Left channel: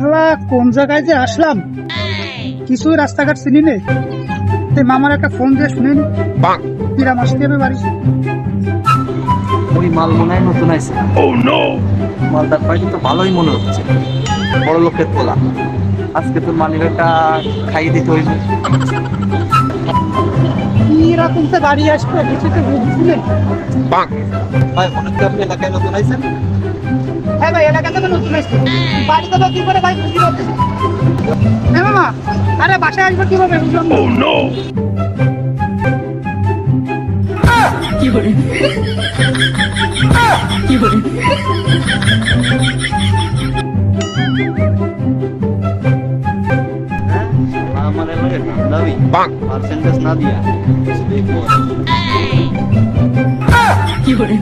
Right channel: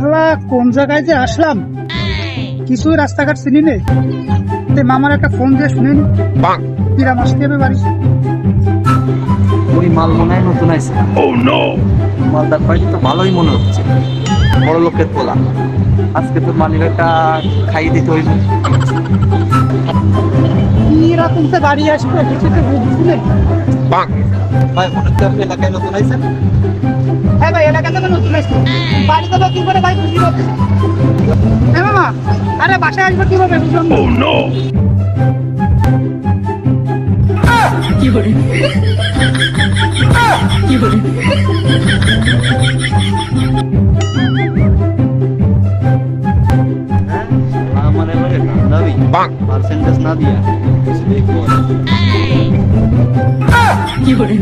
শালা কোন জায়গায় যে আসলাম কিছুই রাস্তাঘাট চিনি নেই। মামার একটা ফোন দিয়ে শুনে নি কিরাম আসতে হবে বাড়ি। ওই মাল মনে হয় নতুন আছে। মালদার পাইলে তো ভালোই মনে হচ্ছে, বড় লোকের পোলা। আজকে তোর মালিকটা খাইয়ে দিতে হইবে। কিরকম তো বাড়ি আসবে কিছু তো বুঝছিলেন? ভাই মনে হচ্ছে আপনি এলাকায় নতুন আইছেন। হ্যাঁ ভাই, এলাকা থেকে নতুন আসছে। বাড়ি যাবো কি করে ভাই বুঝি না। হ্যাঁ মামা, আরে বাসায় আসবো কিভাবে বুঝলাম না। কি করে কি করে আমার এলাকায় দাম দাবি পার্সেন্টেজ না দিয়া কিছুতেই পড়ে। কি করে